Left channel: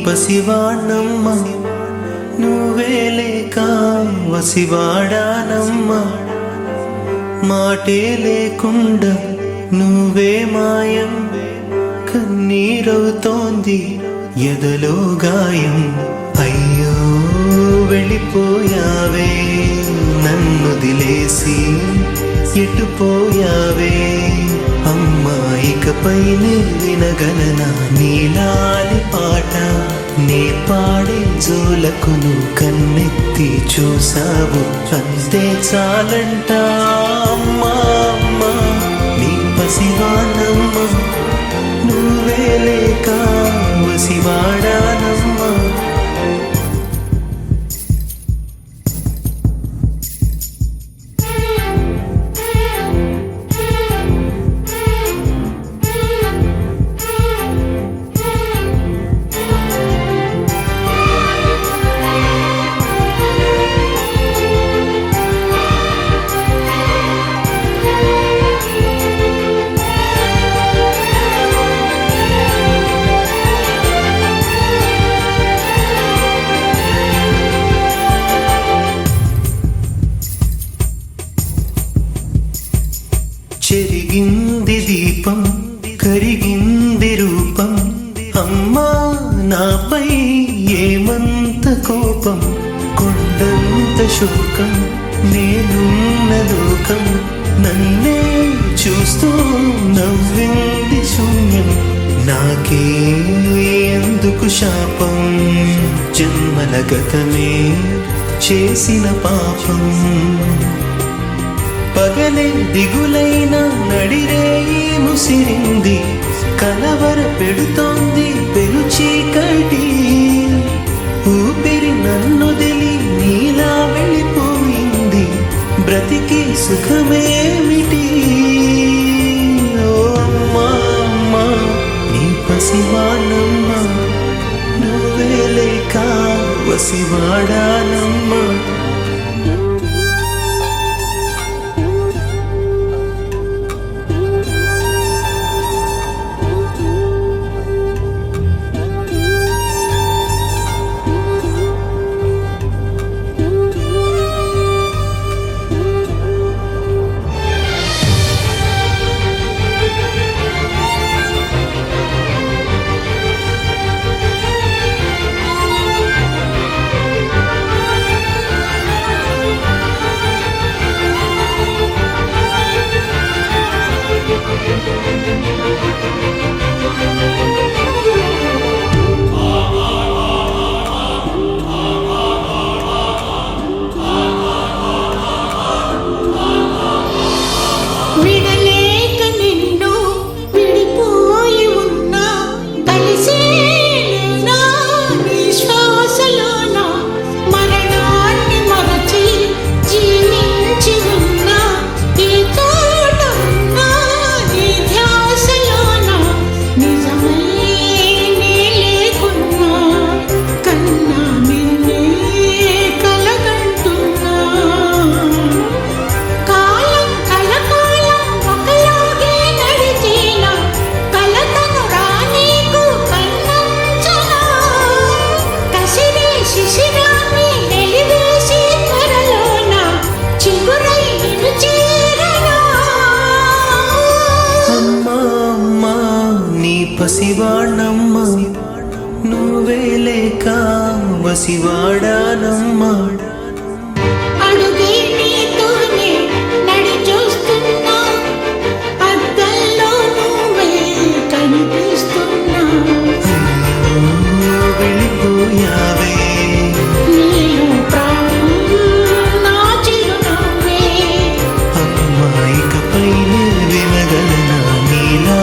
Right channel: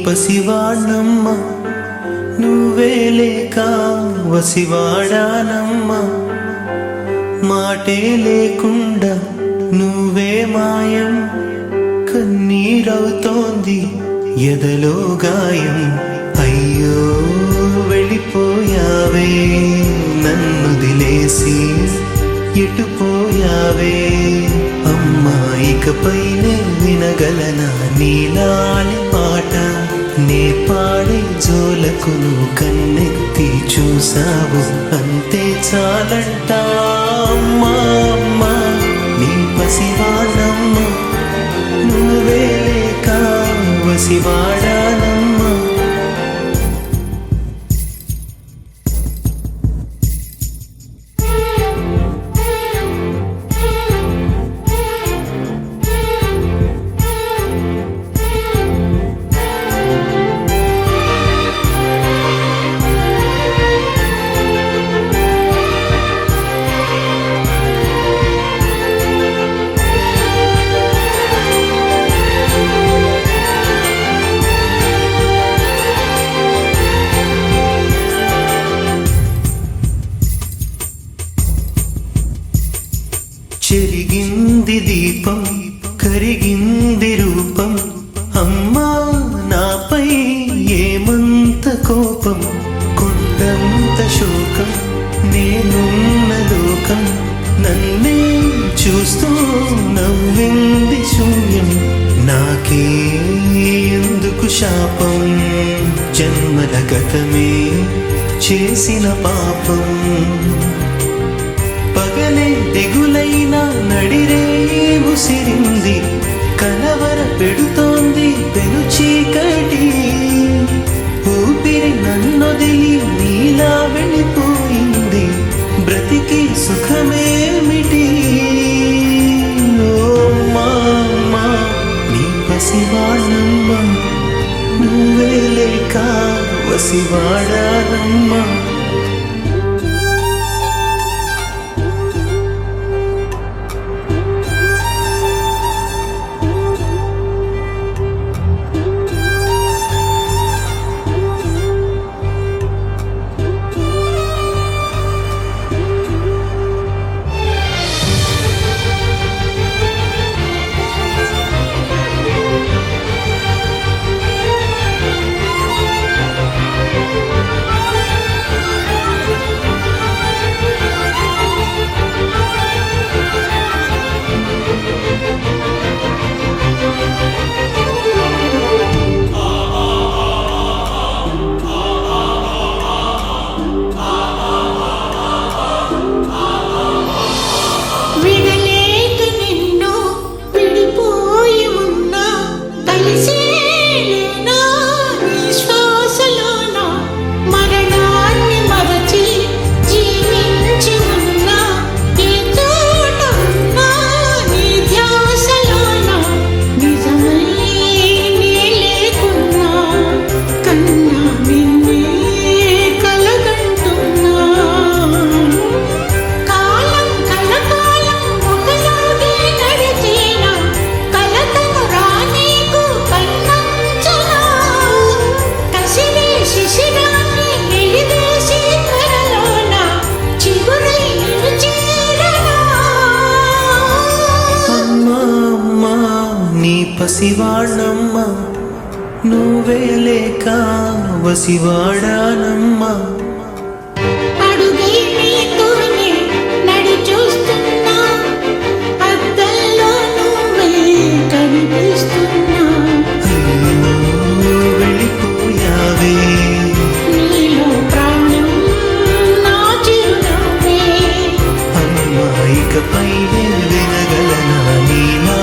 పసివాణ్ణమ్మ నువ్వే లేక వసివాడానమ్మ మాటే లేకుండా నువ్వే మాయం కన్నీరవుతోంది ఎదలో గాయం అయ్యో వెళ్ళిపోయావే నన్ను దిలేసి ఎటుపోయావే అమ్మా ఇకపైనే వినగలనా నీలాలి పాట నే పాడే జోలకు నువ్వు కన్నెత్తి చూసావు అంతే చాలంట అమ్మా అమ్మా నీ పసివాణమ్మ నువ్వే లేక వసివాడానమ్మా చెరిగింది దీపం కరిగింది రూపం అమ్మా నాపై ఏమంత కోపం కొండంత శోకం నేనున్న లోకం నన్నే చూస్తూ నవ్వింది శూన్యం నాకే ఎందుకు శాపం జన్మల గతమే చేసిన పాపం పగలే దిగులైన నడిరేయి ముసిరింది కలవర పెడుతోంది పెను చీకటి ఊపిరి నన్నొదిలి నీలా వెళ్ళిపోయింది బ్రతికి సుఖమేమిటి ఓ అమ్మా అమ్మా నీ పసివాణమ్మ నువ్వే లేక వసివాడానమ్మా విడలేక నిన్ను విడిపోయి ఉన్నా కలిసేలేనా నీ శ్వాసలోన మరణాన్ని మరచి జీవించి ఉన్నా ఏ చోట ఉన్నా నీ ధ్యాసలోన నిజమై నే లేకున్నా కన్నా నిన్నే కలగంటున్నా శిశిరాన్ని వెలివేసి త్వరలోన చిగురై నిన్ను చేరనా అమ్మా అమ్మా నీ పసివాణమ్మ నువ్వే లేక వసివాడానమ్మా అడుగై నీతోనే నడి చూస్తున్నా అద్దంలో నువ్వే కనిపిస్తున్నా అయ్యో వెళ్ళిపోయావే నీలో ప్రాణం నా చిరునవ్వే అమ్మా ఇకపైనే వినగలనా నీలా